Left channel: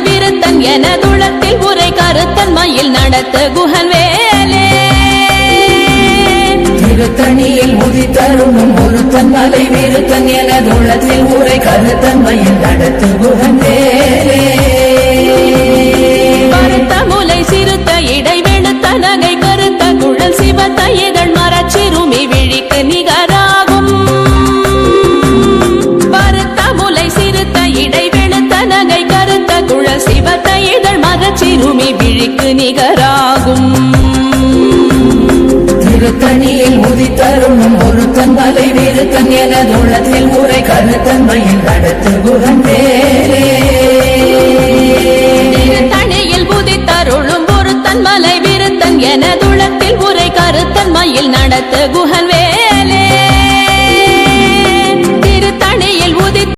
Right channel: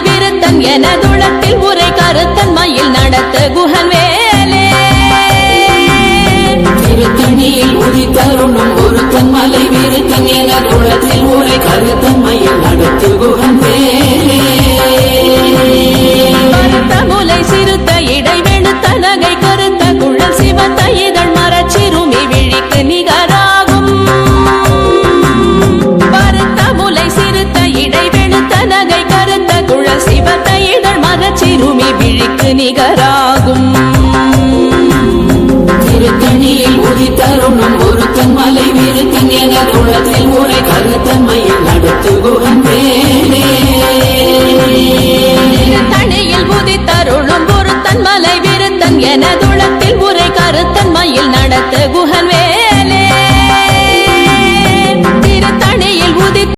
விருத்தன் எனதுளத்தில் உரை கருத்தன்மையில் நடத்த குஹன் வேலே திருத்தணியில் உதித்தருணும் ஒருத்தன் மலை விருத்தன் என உள்ளத்தில் உரை கருத்தன்மையில் நடத்து குகன் வேலே கருத்த முலை சிறுத்த இடை வெளுத்த நகை கருத்த குழல் சிவத்த இதழ் மரச்சிறுமி விழிக்கு நிகராகும் சிவத்த இதழ் மரச்சிறுமி விழிக்கு நிகராகும். திருத்தணியில் உதித்தருணும் ஒருத்தன் மலை விருத்தன் என உள்ளத்தில் உரை கருத்தன்மையில் நடத்து குகன் வேலே திருத்தணியில் புதித்தருளும் ஒருத்தன் மலை விருத்தன் எனதுளத்தில் உரை கருத்தன் மயில் நடத்த குஹன் வேலே